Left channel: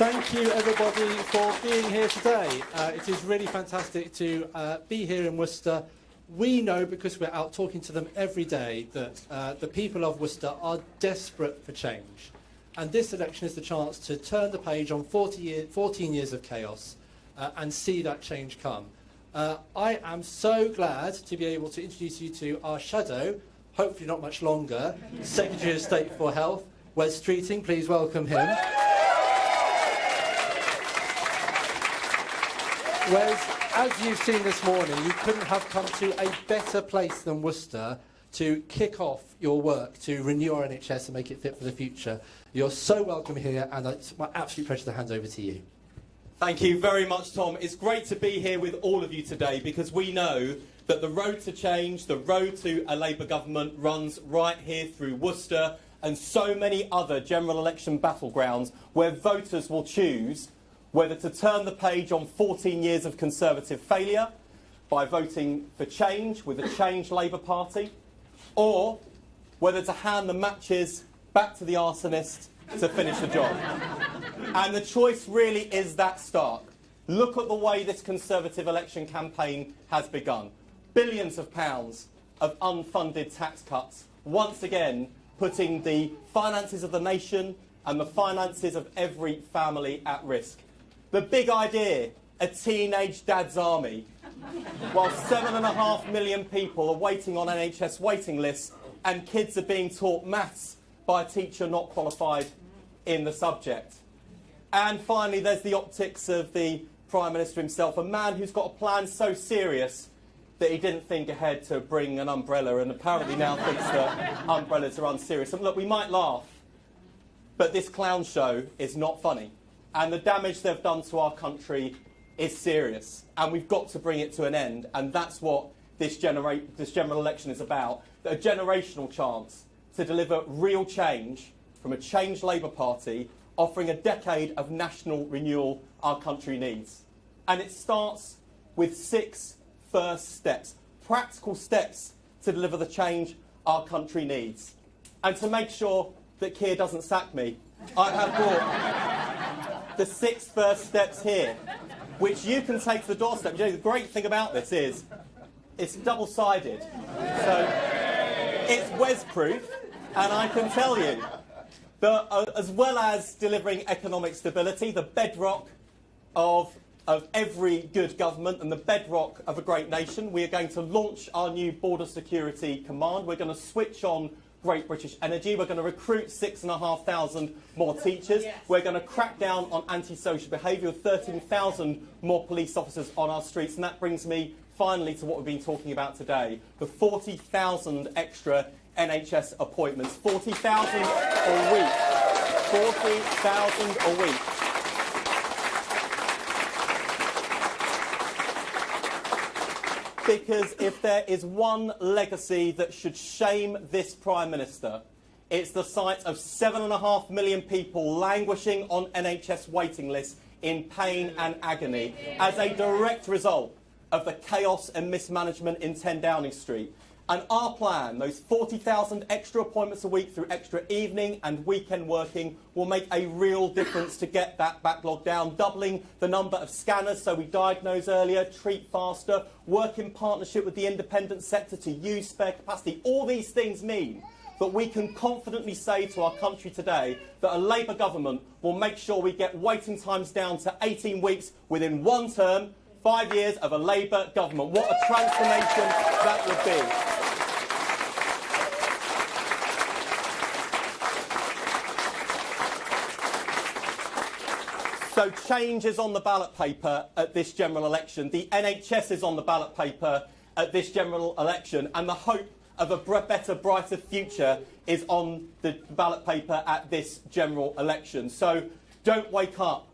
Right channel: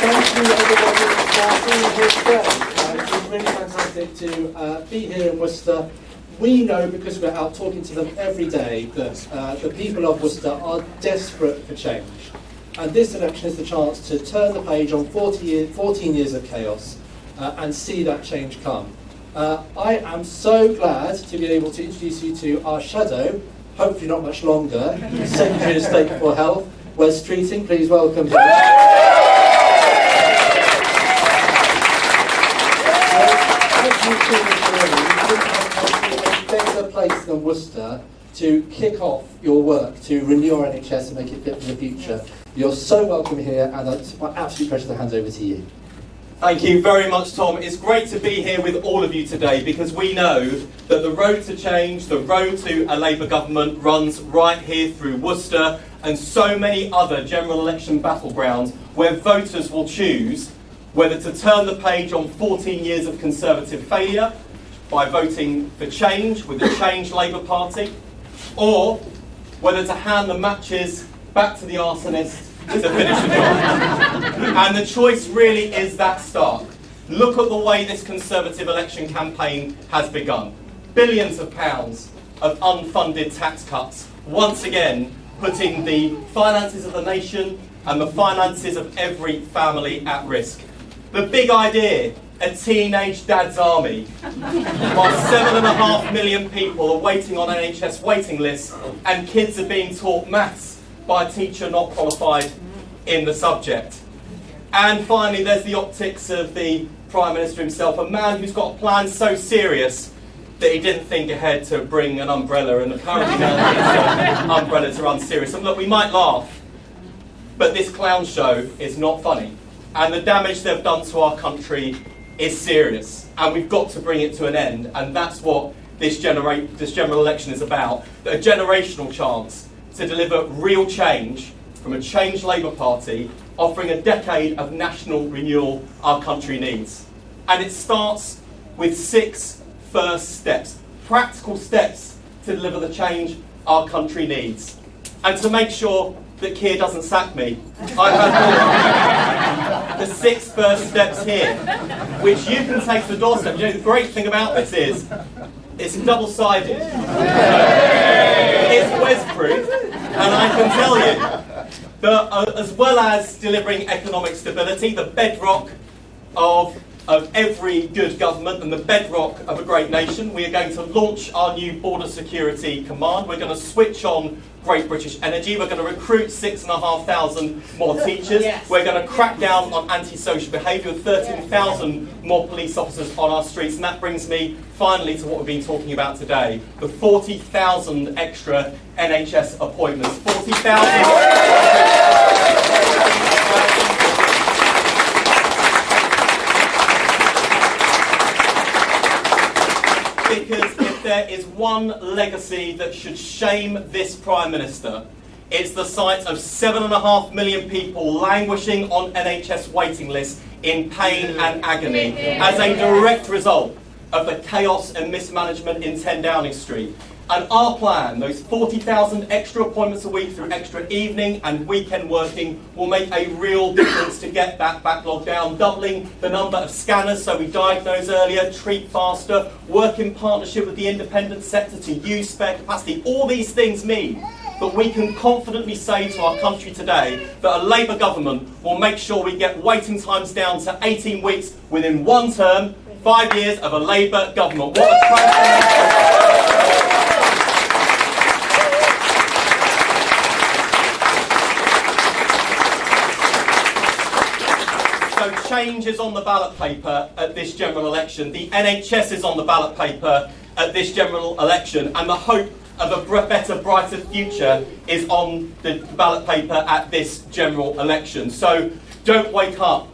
Thank you everybody for being here today. It is really fantastic to be here in Worcester. We know, because we're out talking to them every day, that the people of Worcester are desperate for change. And this election is the chance to turn the page on 14 years of chaos and see that change come. I am so glad to be able to introduce you to our shadow, hopefully not much longer, Secretary of State for Health, Wes Streeting. Please welcome him. As you've seen this morning, we couldn't have come to a better place than Worcester to kick off your work to renew our NHS and make it fit for the future. You're so welcome here, and it's my absolute pleasure to hand over to you. Thank you very much, Tom. It's great to be here with all of you today, because we know that the road to change, the road to a Labour government, runs right here through Worcester and so many other general election battlegrounds where voters will choose whether to turn the page on 14 years of Conservative failure by voting for change with the Change Labour Party, or whether to hand the matches back to the arsonist to finish the job. And the choice really is that stark. Look at the way this Conservative election campaign has begun. Billions of pounds of unfunded tax cuts, once again putting the finances of the nation and the finances of every family at risk. The big idea, a teenage dad's army, while 7.5 million people are waiting on NHS waiting lists and kids are being taught maths by a teacher not qualified in the subject. And finally, there's the optics of the Prime Minister himself, a man who's got a plan so serious that he didn't think ahead to bring an umbrella, and apparently now his umbrellas are unserious. And look, we might laugh, but this clown show is not funny. And the damage they've done to our country is serious, and we've got to bring it to an end. And that's what this general election is about, a generational chance to deliver real change from a Change Labour Party, offering a decade of national renewal our country needs. And it starts with 6 first steps, practical steps to deliver the change our country needs. And to make sure that Keir doesn't sack me, I have the 6 first steps here, which you can take to the doorstep. You know, the great thing about this is it's double-sided. It's Wes-proof, and I can tell you that as well as delivering economic stability, the bedrock of every good government and the bedrock of a great nation, we are going to launch our new Border Security Command. We're going to switch on Great British Energy. We're going to recruit 6,500 more teachers. Yes. We're going to crack down on antisocial behaviour with 13,000 more police officers on our streets. And that brings me finally to what we've been talking about today, the 40,000 extra NHS appointments. 40,000. Because if there is one legacy that should shame this Prime Minister, it's the sight of 7.5 million people languishing on NHS waiting lists in pain and agony as a direct result of the chaos and mismanagement in 10 Downing Street. And our plan, those 40,000 extra appointments a week through extra evening and weekend working, will make a real difference to get that backlog down, doubling the number of scanners so we diagnose earlier, treat faster, work in partnership with the independent sector to use spare capacity. All these things mean that we can confidently say to our country today that a Labour government will make sure we get waiting times down to 18 weeks within one term, 5 years of a Labour government. What a transformation! So change is on the ballot paper at this general election. The NHS is on the ballot paper at this general election, and the hope of a better, brighter future is on the ballot paper at this general election. So don't wake up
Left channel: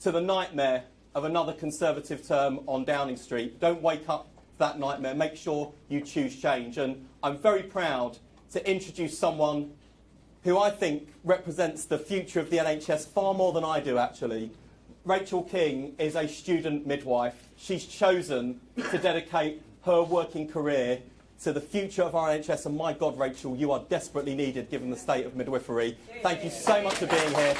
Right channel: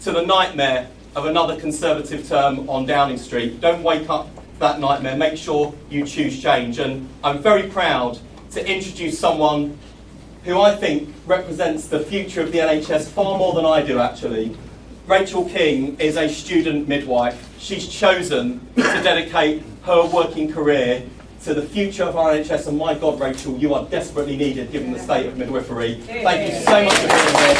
to the nightmare of another Conservative term on Downing Street. Don't wake up to that nightmare. Make sure you choose change. And I'm very proud to introduce someone who I think represents the future of the NHS far more than I do, actually. Rachel King is a student midwife. She's chosen to dedicate her working career to the future of our NHS, and my God, Rachel, you are desperately needed given the state of midwifery. Thank you so much for being here.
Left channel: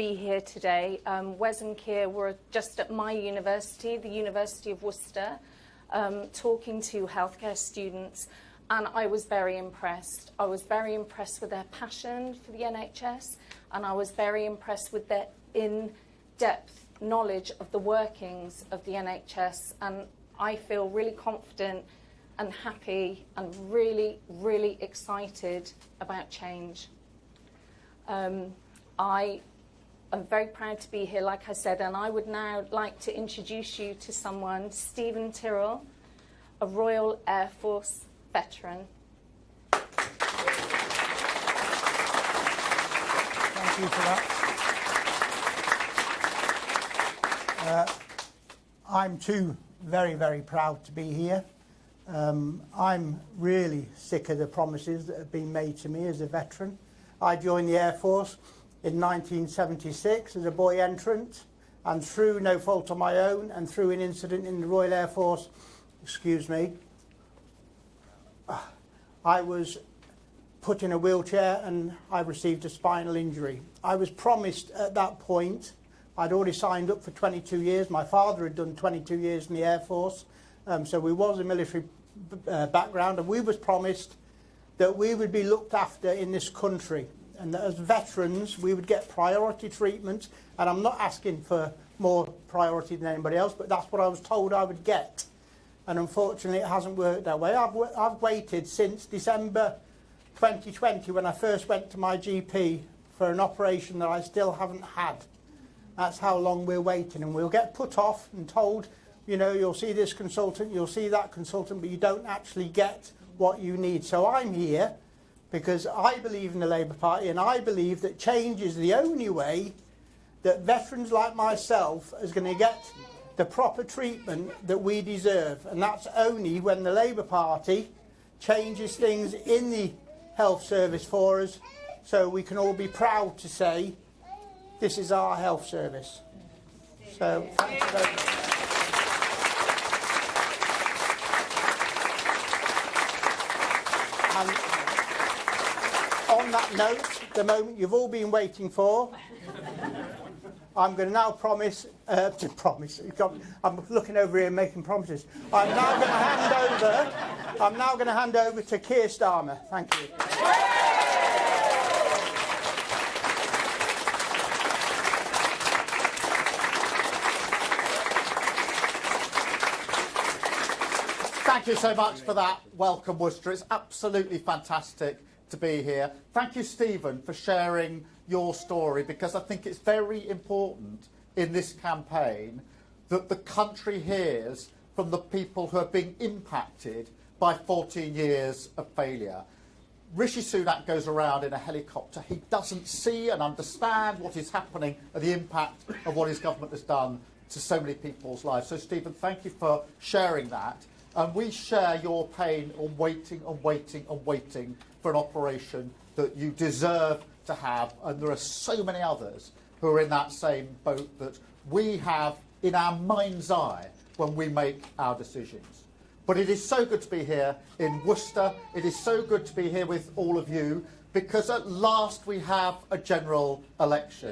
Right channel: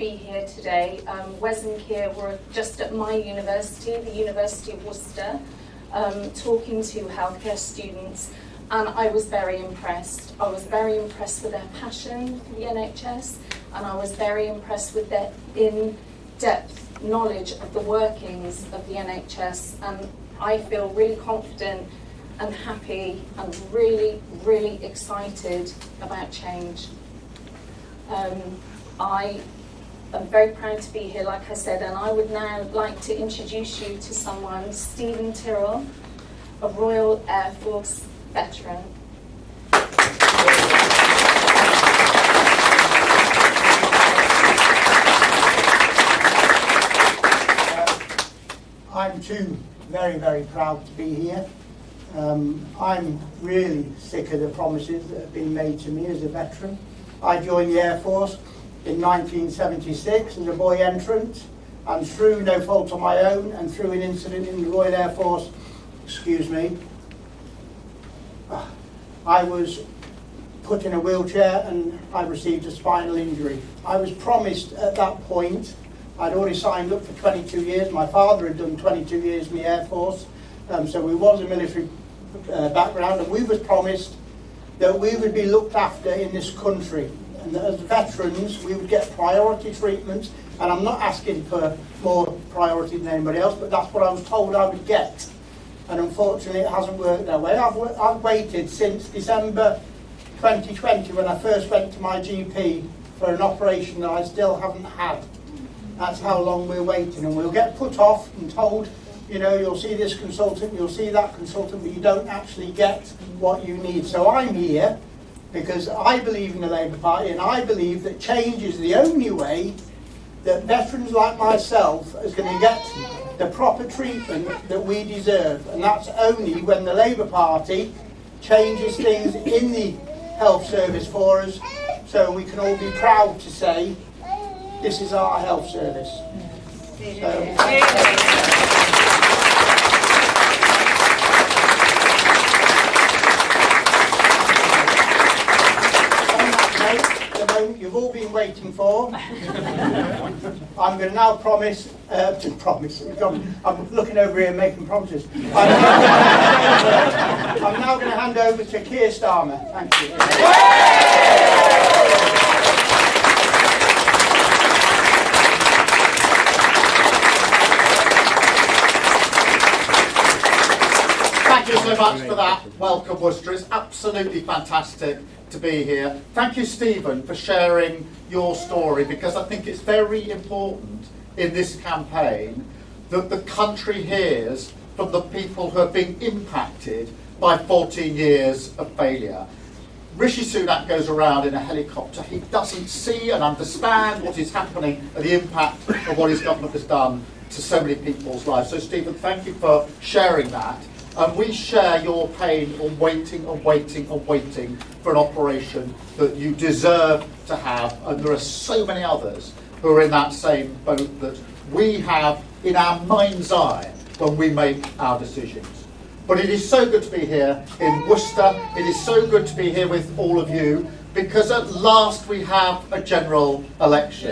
be here today. Wes and Keir were just at my university, the University of Worcester, talking to healthcare students, and I was very impressed. I was very impressed with their passion for the NHS, and I was very impressed with their in-depth knowledge of the workings of the NHS, and I feel really confident and happy and really, really excited about change. I am very proud to be here, like I said, and I would now like to introduce you to someone, Stephen Tyrrell, a Royal Air Force veteran. I'm too very, very proud to be here. I'm really sick of the promises that have been made to me as a veteran. I joined the Air Force in 1976 as a boy entrant, and through no fault of my own and through an incident in the Royal Air Force, I was put in a wheelchair and I received a spinal injury. I was promised at that point, I'd already signed up for 22 years, my father had done 22 years in the Air Force, so we was a military background, and we was promised that we would be looked after in this country, and that as veterans we would get priority treatment, and I'm not asking for more priority than anybody else, but that's what I was told I would get, and unfortunately it hasn't worked that way. I've waited since December 2020 when I first went to my GP for an operation that I still haven't had. That's how long we're waiting, and we'll get put off and told, you know, you'll see this consultant, you'll see that consultant, but you don't actually get what you need. So I'm here because I believe in the Labour Party, and I believe that change is the only way that veterans like myself is going to get the proper treatment that we deserve. And that's only when the Labour Party changes things in the health service for us, so we can all be proud to say, this is our health service. The moment you've all been waiting for, I'm going to now promise, I'm looking over here making promises. I'm now going to hand over to Keir Starmer. Thank you. Thank you so much for that. Welcome, Worcester. It's absolutely fantastic to be here. Thank you, Stephen, for sharing your story, because I think it's very important in this campaign that the country hears from the people who are being impacted by 14 years of failure. Rishi Sunak goes around in a helicopter. He doesn't see and understand what is happening and the impact of what his government has done to so many people's lives. So, Stephen, thank you for sharing that. And we share your pain on waiting and waiting and waiting for an operation that you deserve to have. And there are so many others who are in that same boat that we have in our mind's eye when we make our decisions. But it is so good to be here in Worcester. It is so good to be here with all of you, because at last we have a general election.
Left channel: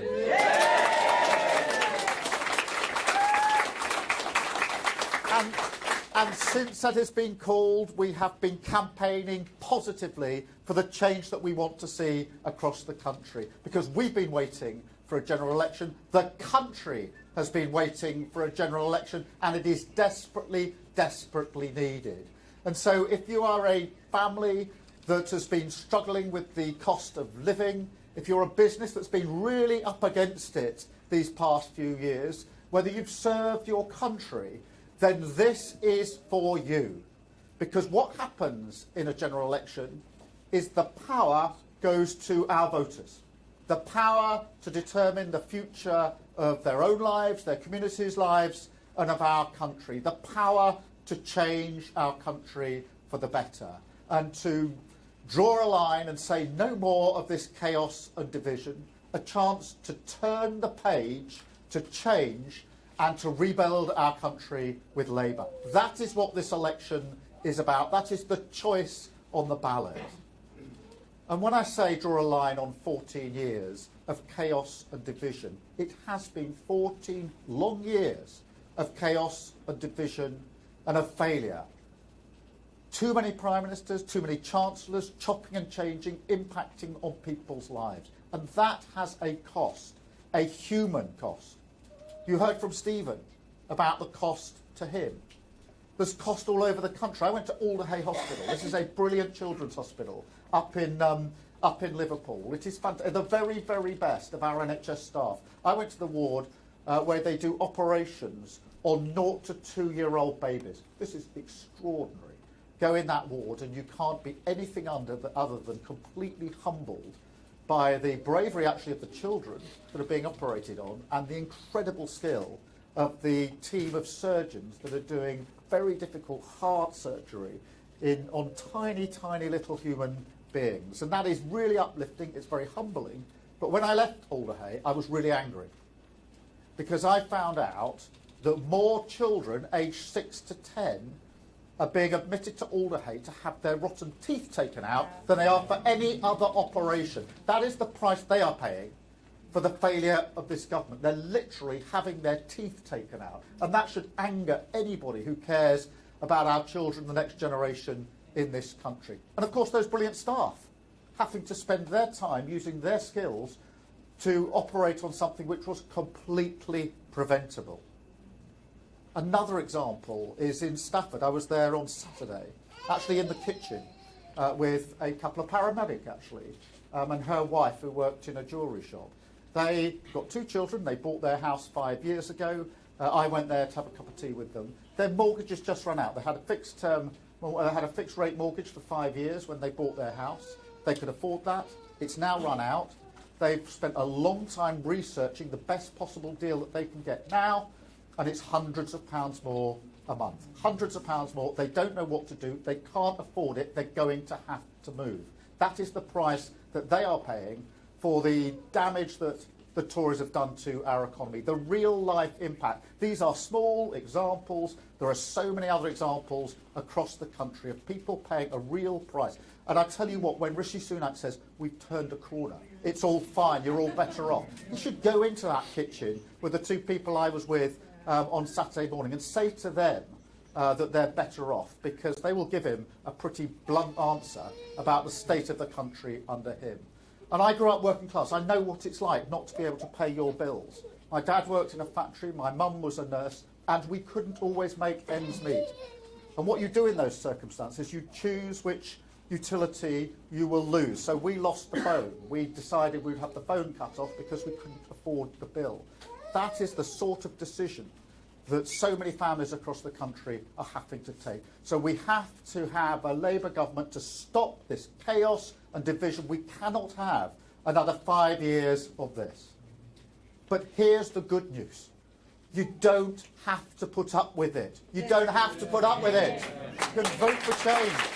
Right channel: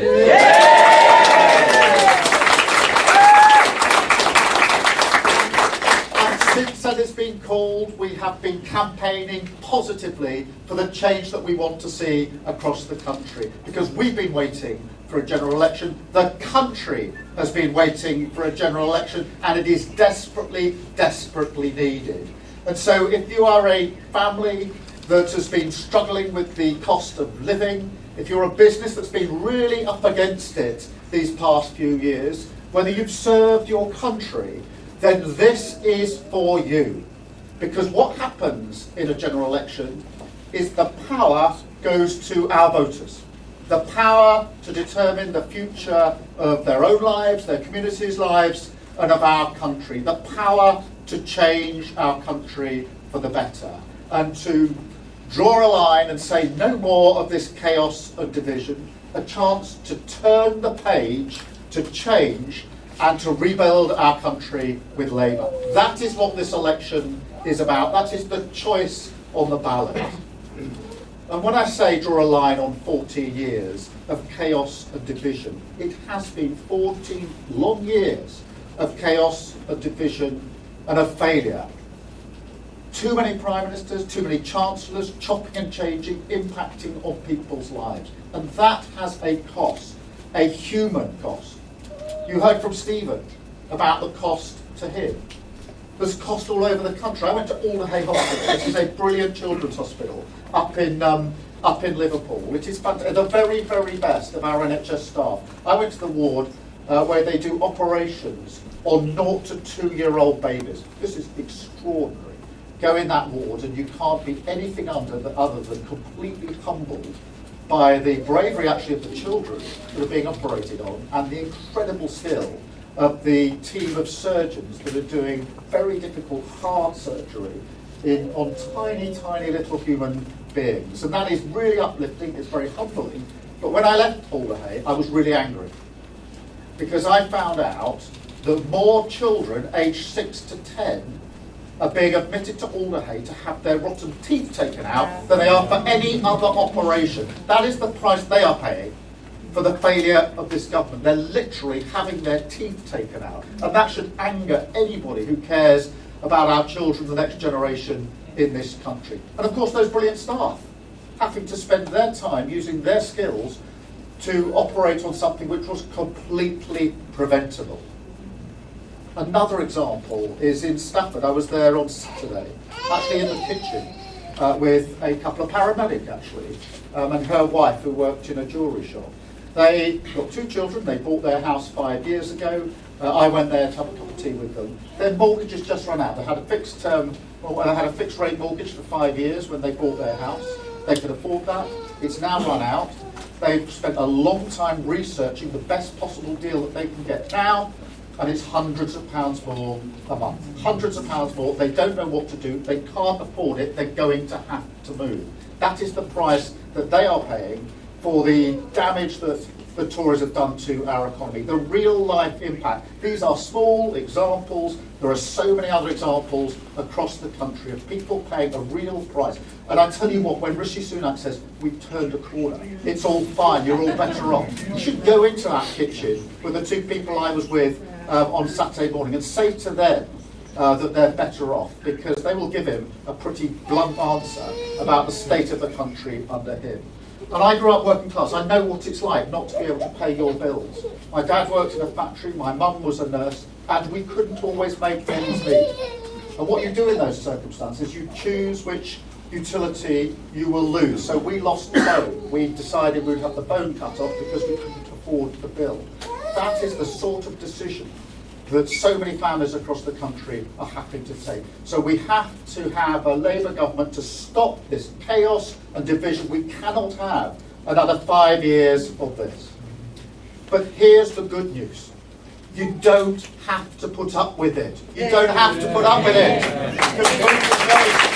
Since that has been called, we have been campaigning positively for the change that we want to see across the country, because we've been waiting for a general election. The country has been waiting for a general election, and it is desperately, desperately needed. And so if you are a family that has been struggling with the cost of living, if you're a business that's been really up against it these past few years, whether you've served your country, then this is for you. Because what happens in a general election is the power goes to our voters. The power to determine the future of their own lives, their communities' lives, and of our country. The power to change our country for the better. And to draw a line and say no more of this chaos and division. A chance to turn the page, to change, and to rebuild our country with Labour. That is what this election is about. That is the choice on the ballot. And when I say draw a line on 14 years of chaos and division, it has been 14 long years of chaos and division and of failure. Too many prime ministers, too many chancellors, chopping and changing, impacting on people's lives. And that has a cost, a human cost. You heard from Stephen about the cost to him. There's cost all over the country. I went to Alderhay Hospital. This is a brilliant children's hospital up in Liverpool. It is the very, very best of our NHS staff. I went to the ward where they do operations on 0 to 2-year-old babies. This is extraordinary. Go in that ward and you can't be anything other than completely humbled by the bravery actually of the children that are being operated on and the incredible skill of the team of surgeons that are doing very difficult heart surgery on tiny, tiny little human beings. And that is really uplifting, it's very humbling. But when I left Alderhay, I was really angry because I found out that more children aged 6 to 10 are being admitted to Alderhay to have their rotten teeth taken out than they are for any other operation. That is the price they are paying for the failure of this government. They're literally having their teeth taken out. And that should anger anybody who cares about our children, the next generation in this country. And of course those brilliant staff having to spend their time using their skills to operate on something which was completely preventable. Another example is in Stafford. I was there on Saturday, actually in the kitchen, with a couple of paramedics actually, and her wife who worked in a jewellery shop. They got 2 children, they bought their house 5 years ago. I went there to have a cup of tea with them. Their mortgage has just run out. They had a fixed rate mortgage for 5 years when they bought their house. They could afford that. It's now run out. They've spent a long time researching the best possible deal that they can get now, and it's hundreds of pounds more a month. Hundreds of pounds more. They don't know what to do. They can't afford it. They're going to have to move. That is the price that they are paying for the damage that the Tories have done to our economy. The real life impact. These are small examples. There are so many other examples across the country of people paying a real price. And I tell you what, when Rishi Sunak says, we've turned a corner, it's all fine, you're all better off. You should go into that kitchen with the 2 people I was with on Saturday morning and say to them that they're better off, because they will give him a pretty blunt answer about the state of the country under him. And I grew up working class. I know what it's like not to be able to pay your bills. My dad worked in a factory, my mum was a nurse, and we couldn't always make ends meet. And what you do in those circumstances, you choose which utility you will lose. So we lost the phone. We decided we'd have the phone cut off because we couldn't afford the bill. That is the sort of decision that so many families across the country are having to take. So we have to have a Labour government to stop this chaos and division. We cannot have another 5 years of this. But here's the good news. You don't have to put up with it. You don't have to put up with it. You're going to change.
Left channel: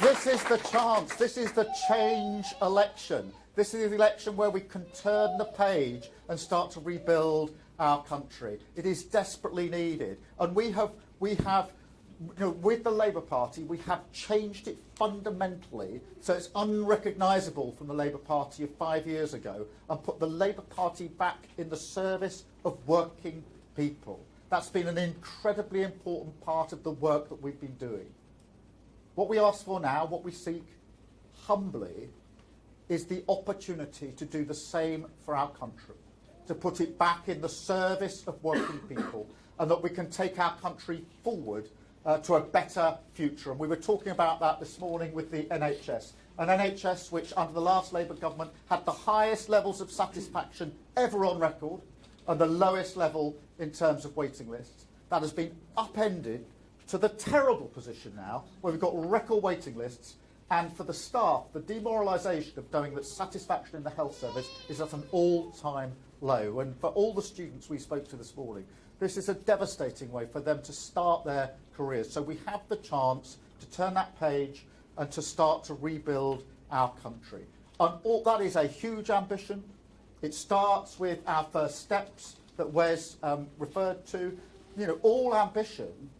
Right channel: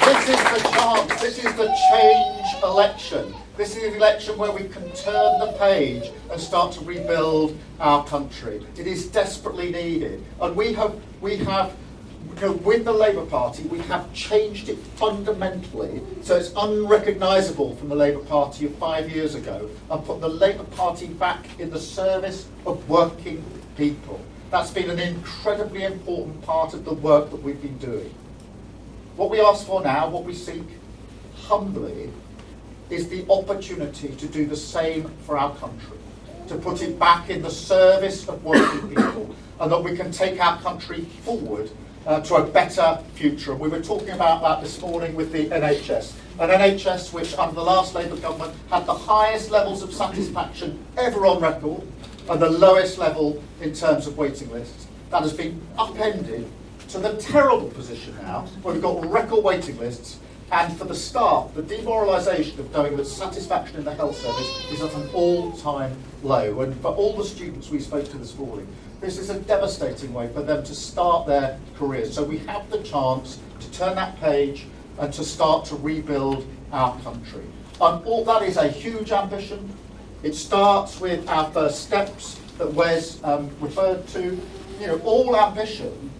This is the chance. This is the change election. This is an election where we can turn the page and start to rebuild our country. It is desperately needed. And we have, with the Labour Party, we have changed it fundamentally so it's unrecognisable from the Labour Party of 5 years ago, and put the Labour Party back in the service of working people. That's been an incredibly important part of the work that we've been doing. What we ask for now, what we seek humbly, is the opportunity to do the same for our country, to put it back in the service of working people, and that we can take our country forward to a better future. And we were talking about that this morning with the NHS. An NHS which, under the last Labour government, had the highest levels of satisfaction ever on record, and the lowest level in terms of waiting lists. That has been upended to the terrible position now, where we've got record waiting lists, and for the staff, the demoralisation of knowing that satisfaction in the health service is at an all-time low. And for all the students we spoke to this morning, this is a devastating way for them to start their careers. So we have the chance to turn that page and to start to rebuild our country. And all that is a huge ambition. It starts with our first steps that Wes referred to. You know, all ambition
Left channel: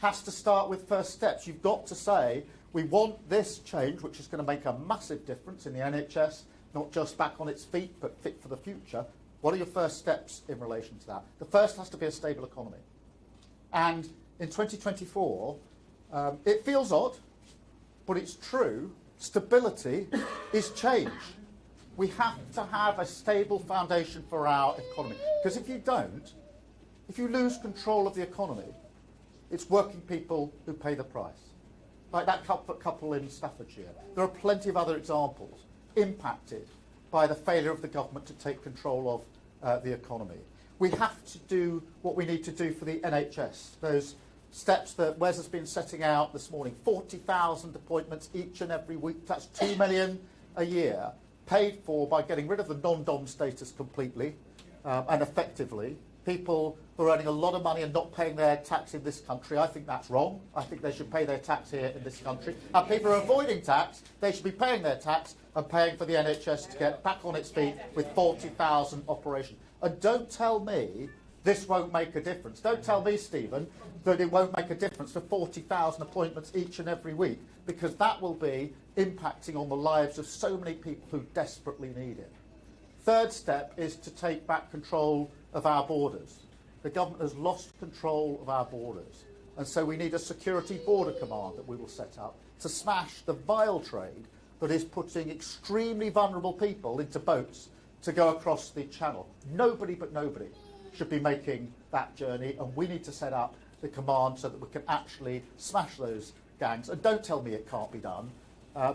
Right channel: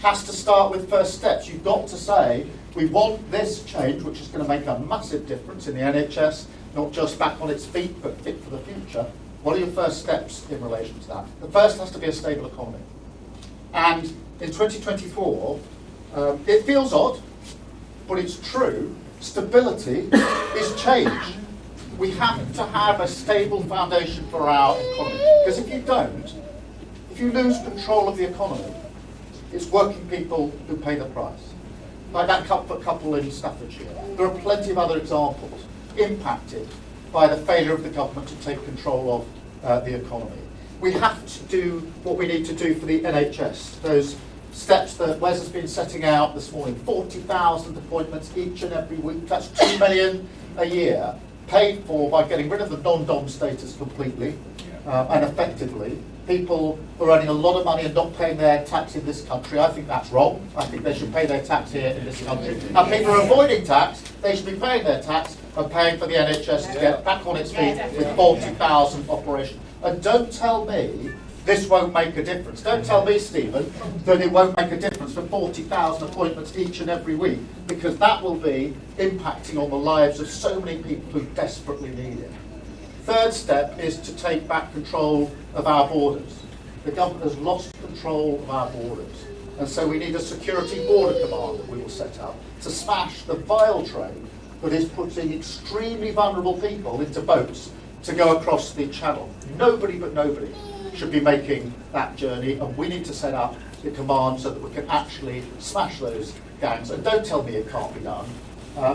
has to start with first steps. You've got to say, we want this change, which is going to make a massive difference in the NHS, not just back on its feet, but fit for the future. What are your first steps in relation to that? The first has to be a stable economy. And in 2024, it feels odd, but it's true, stability is change. We have to have a stable foundation for our economy. Because if you don't, if you lose control of the economy, it's working people who pay the price. Like that couple in Staffordshire. There are plenty of other examples impacted by the failure of the government to take control of the economy. We have to do what we need to do for the NHS. Those steps that Wes has been setting out this morning, 40,000 appointments each and every week, that's 2 million a year, paid for by getting rid of the non-dom status completely and effectively. People who are earning a lot of money and not paying their tax in this country, I think that's wrong. I think they should pay their tax here in this country. And people who are avoiding tax, they should be paying their tax and paying for the NHS to get back on its feet with 40,000 operations. And don't tell me this won't make a difference. Don't tell me, Stephen, that it won't make a difference for 40,000 appointments each and every week, because that will be impacting on the lives of so many people who desperately need it. Third step is to take back control of our borders. The government has lost control of our borders. And so we need a security border command that we will set up to smash the vile trade that is putting extremely vulnerable people into boats to go across the channel. Nobody but nobody should be making that journey, and we need to set up the command so that we can actually smash those gangs. And don't tell me it can't be done.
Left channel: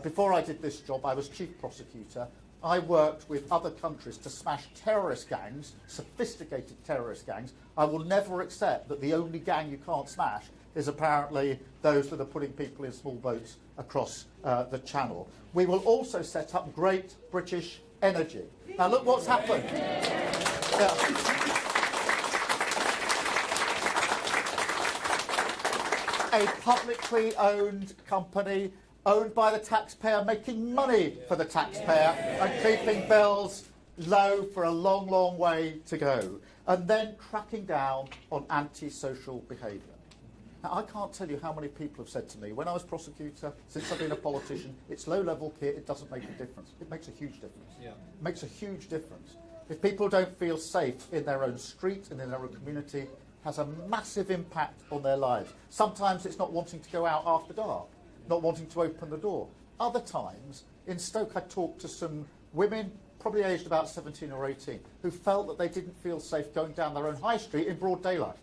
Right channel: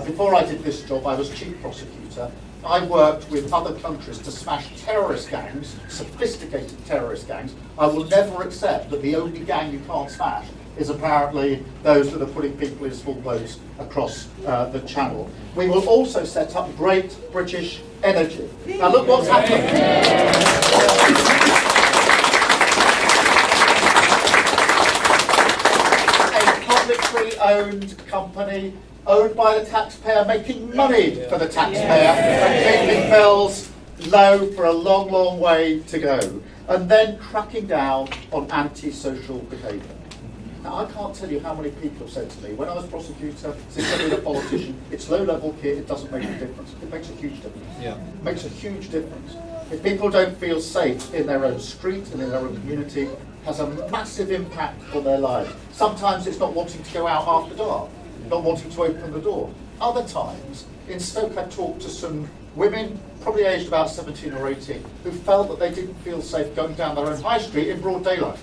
Before I did this job, I was chief prosecutor. I worked with other countries to smash terrorist gangs, sophisticated terrorist gangs. I will never accept that the only gang you can't smash is apparently those that are putting people in small boats across the channel. We will also set up Great British Energy. Now look what's happened. A publicly owned company owned by the taxpayer, making money for the taxpayer and keeping bills low for a long, long way to go. And then cracking down on anti-social behaviour. Now, I can't tell you how many people have said to me, when I was prosecutor, since I've been a politician, it's low-level kit, it doesn't make a difference. It makes a huge difference. Yeah. It makes a huge difference. If people don't feel safe in their own street and in their own community, it has a massive impact on their lives. Sometimes it's not wanting to go out after dark, not wanting to open the door. Other times, in Stoke, I talked to some women, probably aged about 17 or 18, who felt that they didn't feel safe going down their own high street in broad daylight.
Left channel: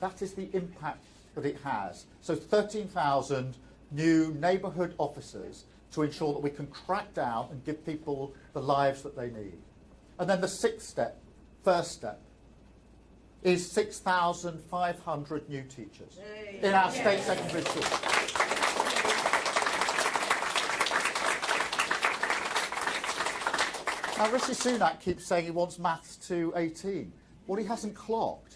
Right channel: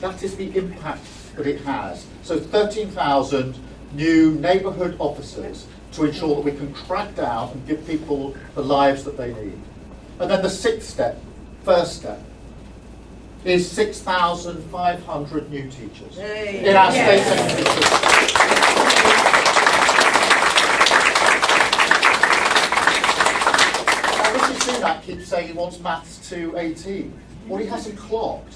That is the impact that it has. So 13,000 new neighbourhood officers to ensure that we can crack down and give people the lives that they need. And then the sixth step, first step, is 6,500 new teachers in our state secondary schools. Now, Rishi Sunak keeps saying he wants maths to 18. What he hasn't clocked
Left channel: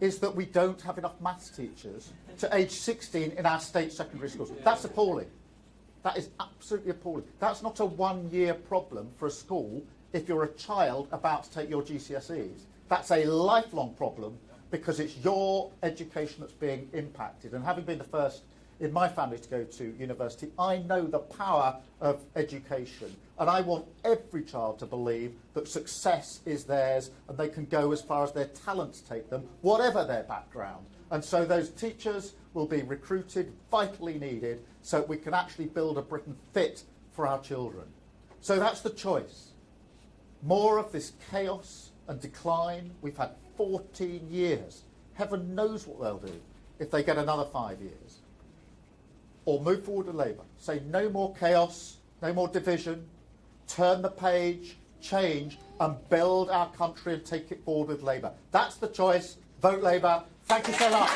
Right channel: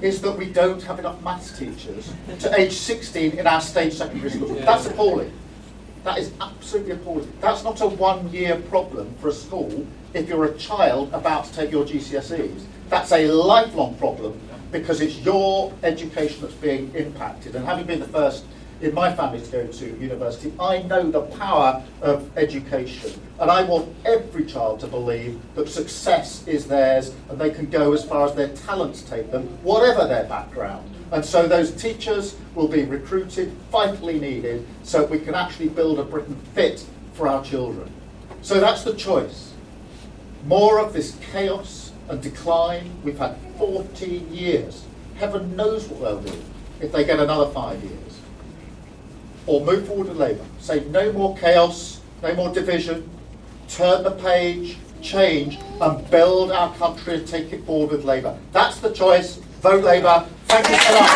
is that we don't have enough maths teachers to age 16 in our state secondary schools. That's appalling. That is absolutely appalling. That's not a one-year problem for a school if you're a child about to take your GCSEs. That's a lifelong problem because it's your education that's being impacted. And having been the first in my family to go to university, I know the power of education. And I want every child to believe that success is theirs and they can go as far as their talents take them, whatever their background. And so those teachers will be recruited, vitally needed, so we can actually build a Britain fit for our children. So that's the choice. More of this chaos and decline. We've had 14 years. Heaven knows what they'll do if they get another 5 years. Or move forward with Labour. Say no more chaos, no more division, turn the page, change, and build our country and take it forward with Labour. That's the choice. Vote Labour. Thank you so much.